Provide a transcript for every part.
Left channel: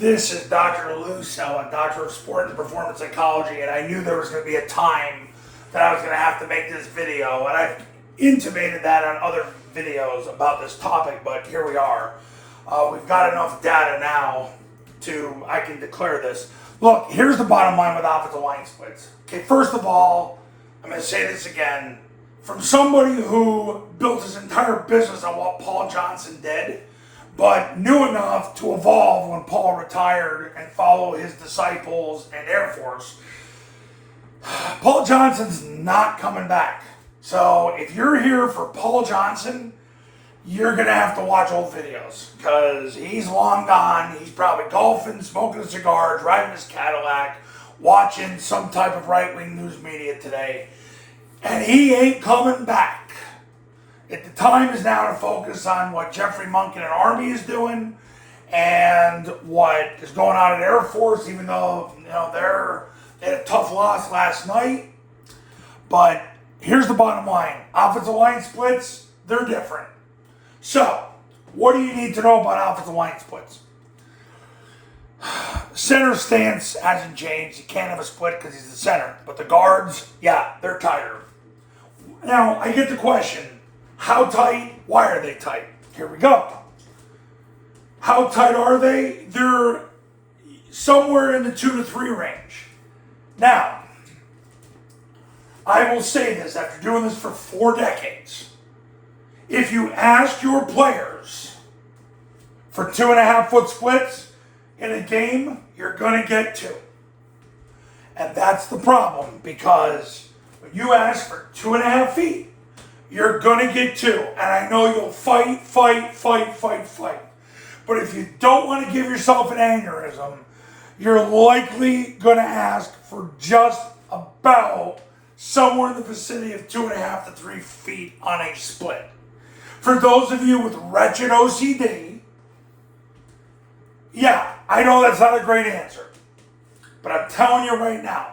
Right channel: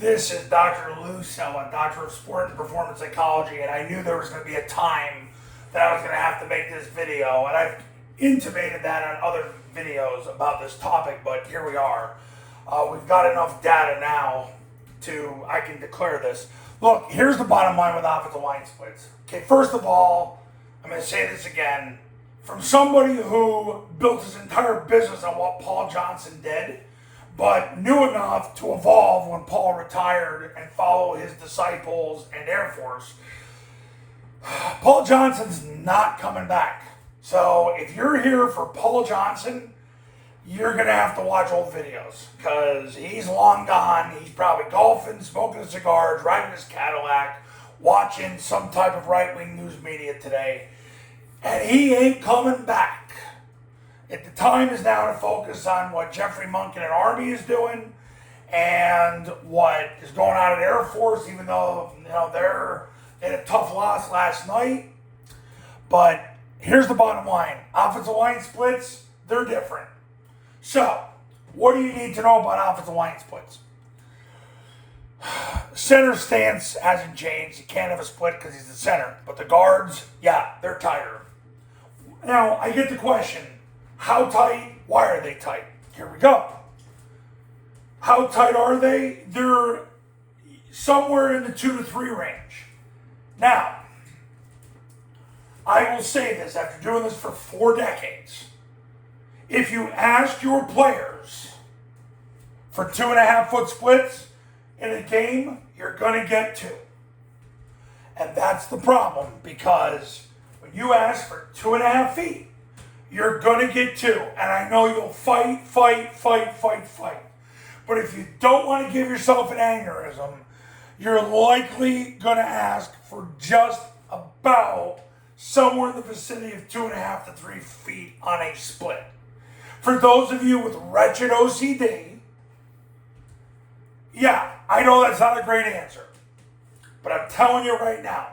This is Dr. Lou Cella, Doctor of Sport and Performance Psychology, and I knew there was going to be a time that I was going to have to make this video, and I've intimated that on other videos about this topic, but here we are. We've got enough data now I can declare this. Look, here's the bottom line with offensive line splits. Okay, first of all, I'm going to say this again. From somebody who built his entire business on what Paul Johnson did, but knew enough to evolve when Paul retired and follow his disciples and Air Force, Paul Johnson's not coming back. So if you're here for Paul Johnson, you're going to have to watch old videos because he's long gone. He's probably golfing, smoking a cigar, driving his Cadillac, watching some type of right-wing news media today, and he ain't coming back. The time is now to focus on what Jeffrey Monk and an Army is doing and what is going on at Air Force, even though they had a tough loss last night. But here's the bottom line. Offensive line splits, they're different. So, what do you need to know about offensive line splits? Center stance hasn't changed. You can't have a split because he's the center. But the guards, yeah, they're tighter. Now, I get the question, how tight? Why are they tight? Here we go. How tight are they? They're somewhere in the 2 to 3 range. Now, I will say this after doing this for 4 decades. If you ask your players for 2.5 foot splits in a game, you're going to get 2. And that's the problem, because when you ask for 2.5 feet, you're going to get 2. And I know you'll fight. But if you don't want to give yourself an aneurysm, you're likely going to ask for just about somewhere in the vicinity of 2.5 to 3 feet on a split. For those of you with wretched OCD, yeah, I know that's not a great answer. But I'm telling you right now,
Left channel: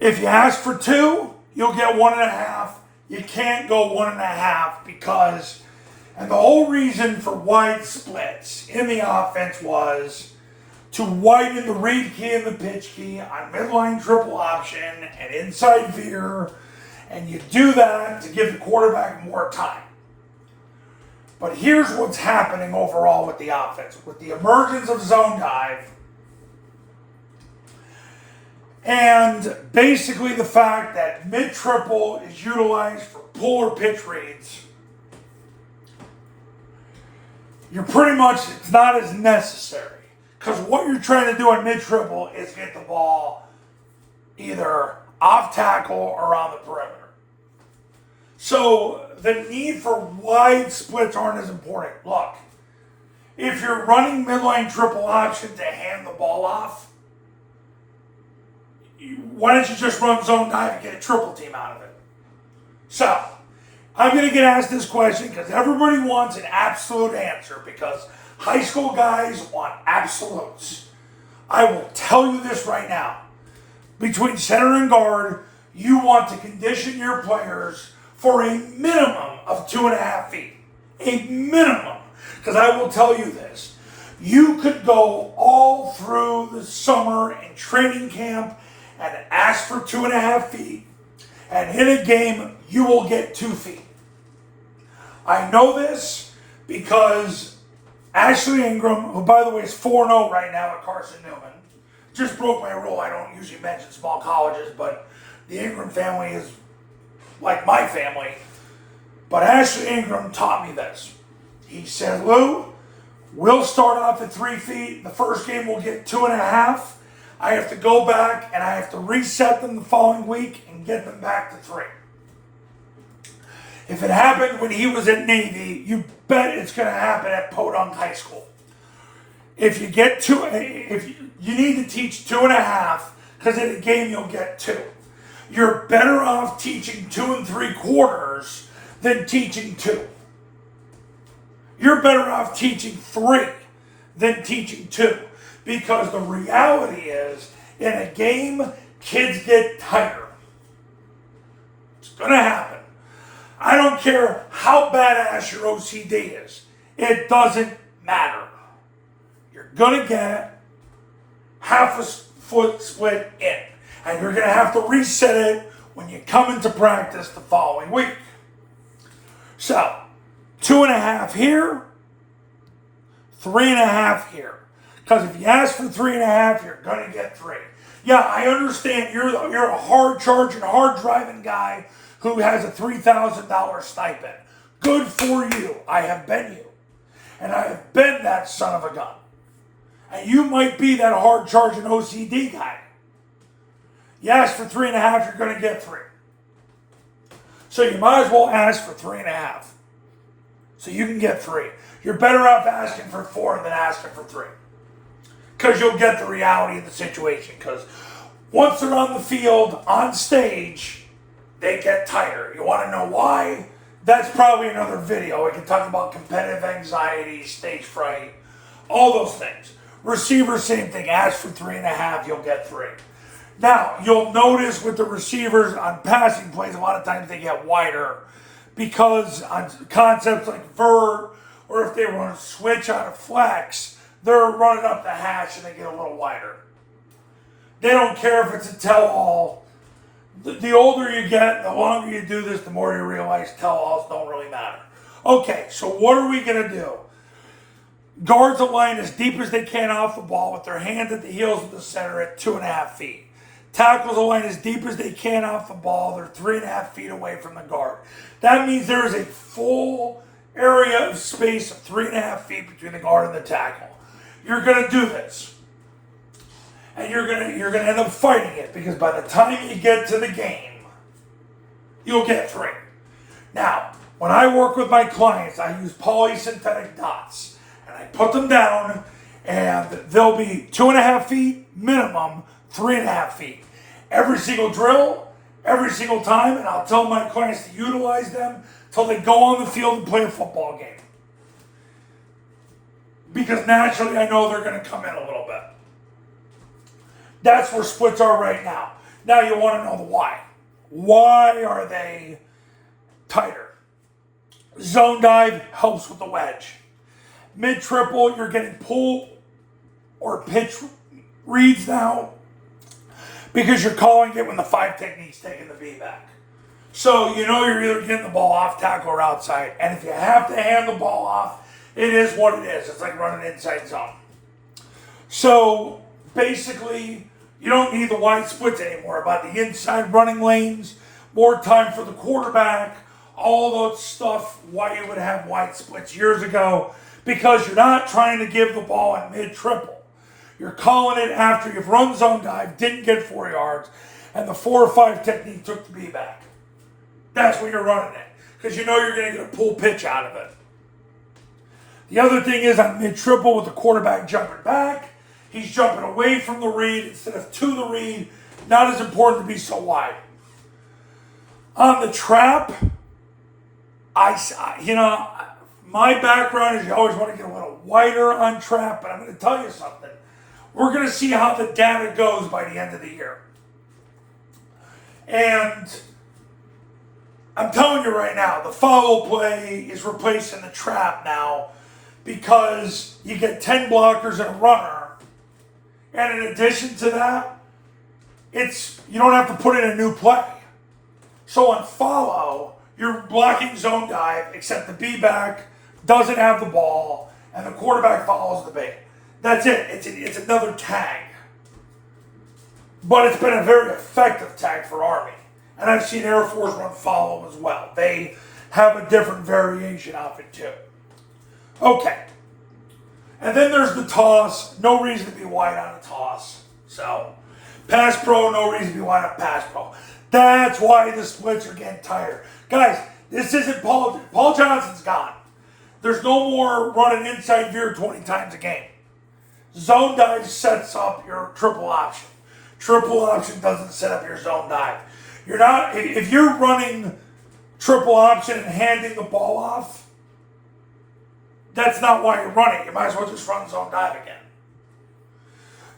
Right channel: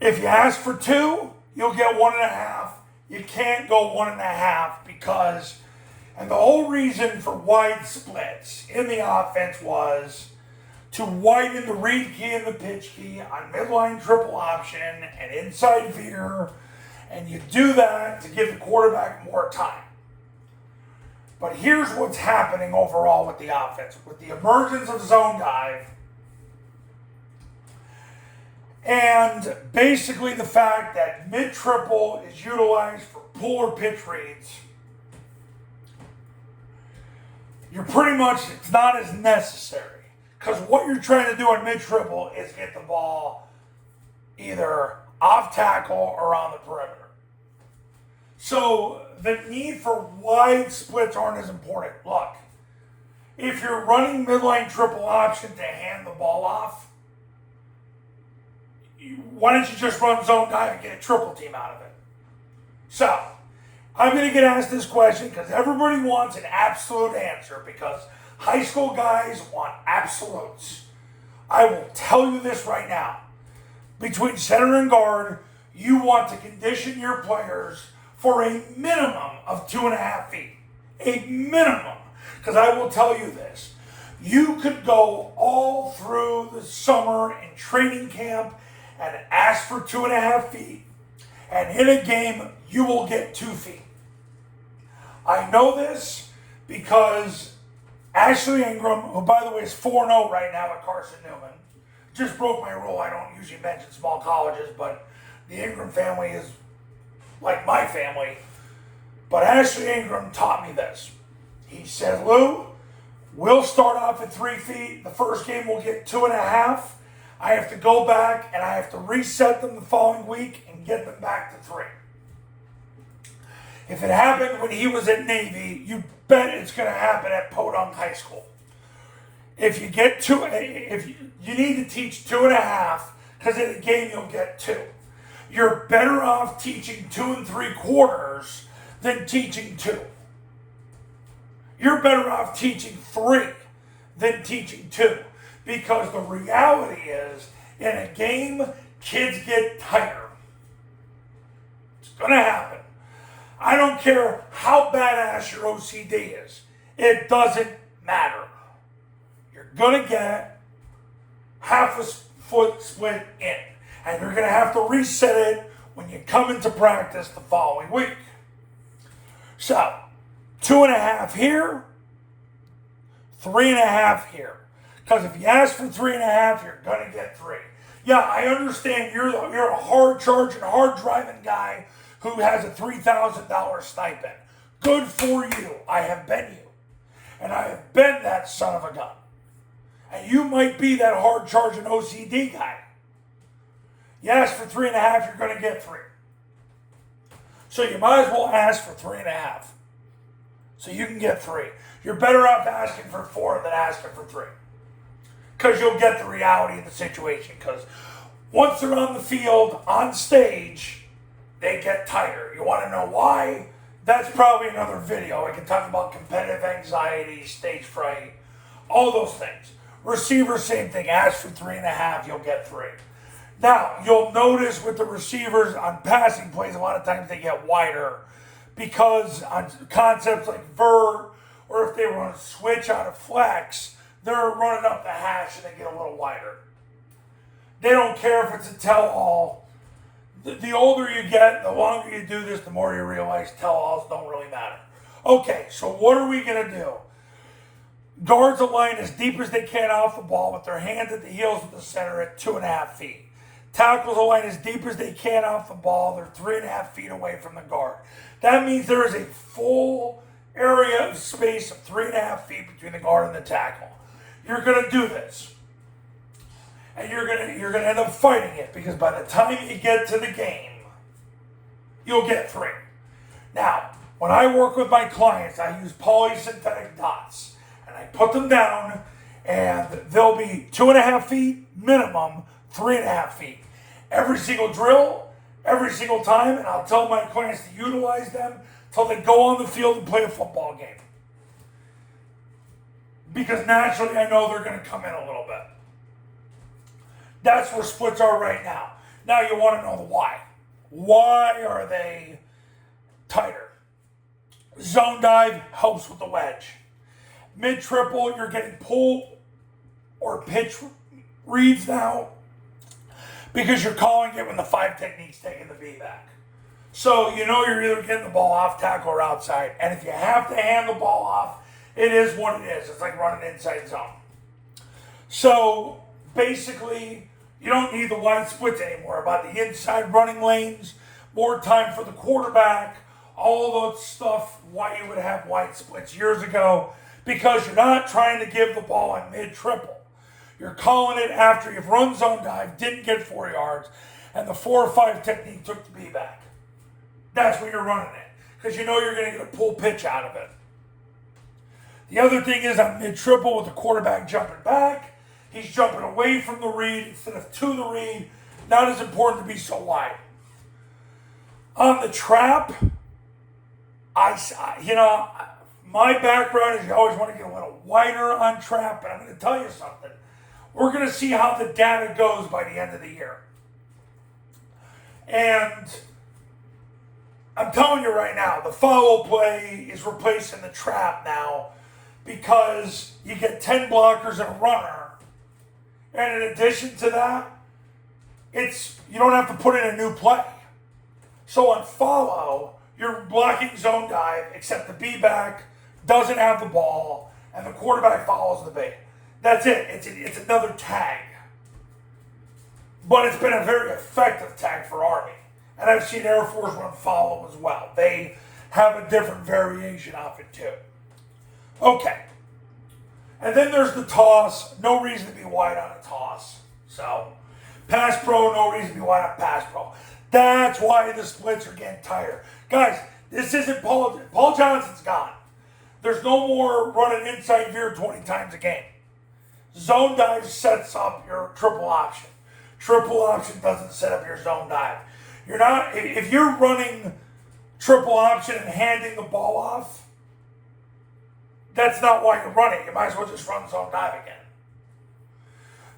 if you ask for 2, you'll get 1.5. You can't go 1.5 because, and the whole reason for wide splits in the offense was to widen the read key and the pitch key on midline triple option and inside veer, and you do that to give the quarterback more time. But here's what's happening overall with the offense. With the emergence of zone dive, and basically the fact that mid-triple is utilized for pull or pitch reads, you're pretty much, it's not as necessary. Because what you're trying to do on mid-triple is get the ball either off tackle or on the perimeter. So the need for wide splits aren't as important. Look, if you're running midline triple option to hand the ball off, why don't you just run zone dive and get a triple team out of it? So, I'm going to get asked this question because everybody wants an absolute answer, because high school guys want absolutes. I will tell you this right now. Between center and guard, you want to condition your players for a minimum of 2.5 feet. A minimum. Because I will tell you this. You could go all through the summer and training camp and ask for 2.5 feet, and in a game, you will get 2 feet. I know this because Ashley Ingram, who by the way is 4-0 right now at Carson Newman, just broke my rule. I don't usually mention small colleges, but the Ingram family is like my family. But Ashley Ingram taught me this. He said, Lou, we'll start off at 3 feet. The first game we'll get 2.5. I have to go back and I have to reset them the following week and get them back to 3. If it happened when he was at Navy, you bet it's going to happen at Podunk High School. If you get 2, you need to teach 2.5, because in a game you'll get 2. You're better off teaching 2 3/4 than teaching 2. You're better off teaching 3 than teaching 2. Because the reality is, in a game, kids get tighter. It's going to happen. I don't care how badass your OCD is. It doesn't matter. going to get half a foot split in. And you're going to have to reset it when you come into practice the following week. So, 2.5 here, 3.5 here. Because if you ask for 3.5, you're going to get 3. Yeah, I understand you're a hard charging, hard driving guy who has a $3,000 stipend. Good for you. I have been you. And I have been that son of a gun. And you might be that hard charging OCD guy. You ask for 3.5, you're going to get 3. So you might as well ask for 3.5. So you can get 3. You're better off asking for 4 than asking for 3. Because you'll get the reality of the situation. Because once they're on the field, on stage, they get tired. You want to know why? That's probably another video. We can talk about competitive anxiety, stage fright, all those things. Receivers, same thing. Ask for 3.5, you'll get 3. Now, you'll notice with the receivers on passing plays, a lot of times they get wider because on concepts like vert, or if they run a switch out of flex, they're running up the hash and they get a little wider. They don't care if it's a tell-all. The older you get, the longer you do this, the more you realize tell-alls don't really matter. Okay, so what are we going to do? Guards align as deep as they can off the ball with their hand at the heels of the center at 2.5 feet. Tackles align as deep as they can off the ball. They're 3.5 feet away from the guard. That means there is a full area of space of 3.5 feet between the guard and the tackle. You're going to do this. And you're gonna end up fighting it because by the time you get to the game, you'll get 3. Now, when I work with my clients, I use polysynthetic dots. And I put them down, and they'll be 2.5 feet minimum, 3.5 feet. Every single drill, every single time, and I'll tell my clients to utilize them till they go on the field and play a football game. Because naturally, I know they're going to come in a little bit. That's where splits are right now. Now you want to know the why. Why are they tighter? Zone dive helps with the wedge. Mid-triple, you're getting pull or pitch reads now because you're calling it when the 5 technique's taking the V back. So you know you're either getting the ball off tackle or outside. And if you have to hand the ball off, it is what it is. It's like running inside zone. So basically, you don't need the wide splits anymore. About the inside running lanes, more time for the quarterback, all that stuff, why you would have wide splits years ago, because you're not trying to give the ball in mid-triple. You're calling it after you've run zone dive, didn't get 4 yards, and the 4 or 5 technique took the B back. That's when you're running it, because you know you're going to get a pull pitch out of it. The other thing is on mid-triple with the quarterback jumping back, he's jumping away from the read instead of to the read. Not as important to be so wide. On the trap, my background is you always want to get a little wider on trap, but I'm going to tell you something. We're going to see how the data goes by the end of the year. And I'm telling you right now, the follow play is replacing the trap now because you get 10 blockers and a runner. And in addition to that, you don't have to put in a new play. So on follow, you're blocking zone dive, except the B-back doesn't have the ball, and the quarterback follows the bait. That's it. It's another tag. But it's been a very effective tag for Army. And I've seen Air Force run follow as well. They have a different variation of it too. Okay. And then there's the toss. No reason to be wide on a toss. So, pass pro, no reason to be wide on pass pro. That's why the splits are getting tighter. Guys, this isn't Paul. Paul Johnson's gone. There's no more running inside veer 20 times a game. Zone dive sets up your triple option. Triple option doesn't set up your zone dive. If you're running triple option and handing the ball off, that's not why you're running. You might as well just run zone dive again.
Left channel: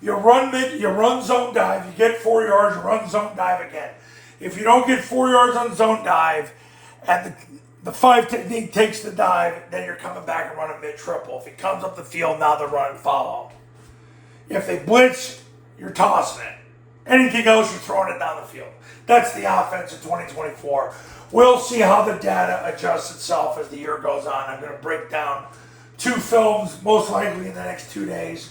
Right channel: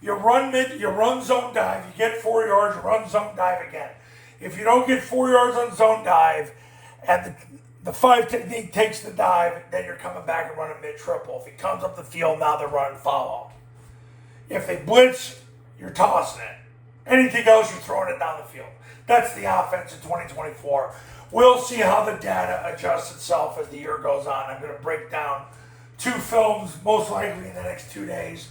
You run zone dive, you get 4 yards, you run zone dive again. If you don't get 4 yards on zone dive, and the 5 technique takes the dive, then you're coming back and running mid-triple. If he comes up the field, now they're running follow. If they blitz, you're tossing it. Anything else, you're throwing it down the field. That's the offense in 2024. We'll see how the data adjusts itself as the year goes on. I'm going to break down 2 films, most likely in the next 2 days.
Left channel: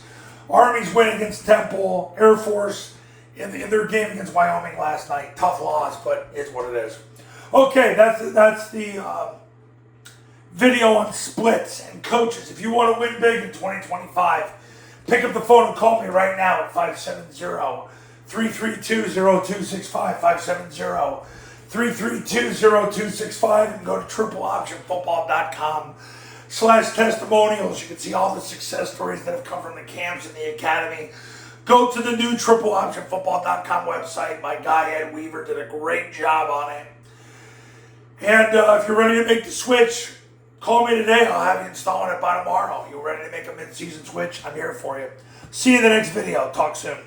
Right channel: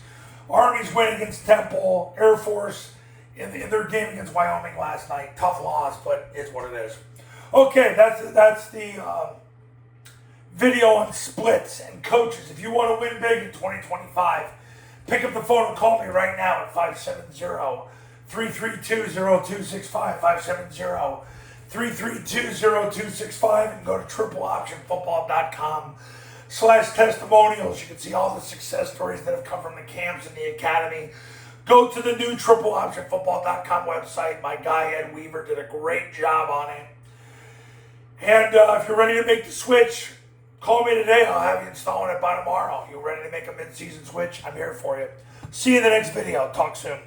Army's win against Temple, Air Force in their game against Wyoming last night. Tough loss, but it's what it is. Okay, that's the video on splits and coaches. If you want to win big in 2025, pick up the phone and call me right now at 570-332-0265, 570-332-0265, and go to tripleoptionfootball.com/testimonials. You can see all the success stories that have come from the camps and the academy. Go to the new tripleoptionfootball.com website. My guy Ed Weaver did a great job on it. And if you're ready to make the switch, call me today. I'll have you installing it by tomorrow. If you're ready to make a mid-season switch, I'm here for you. See you in the next video. Talk soon.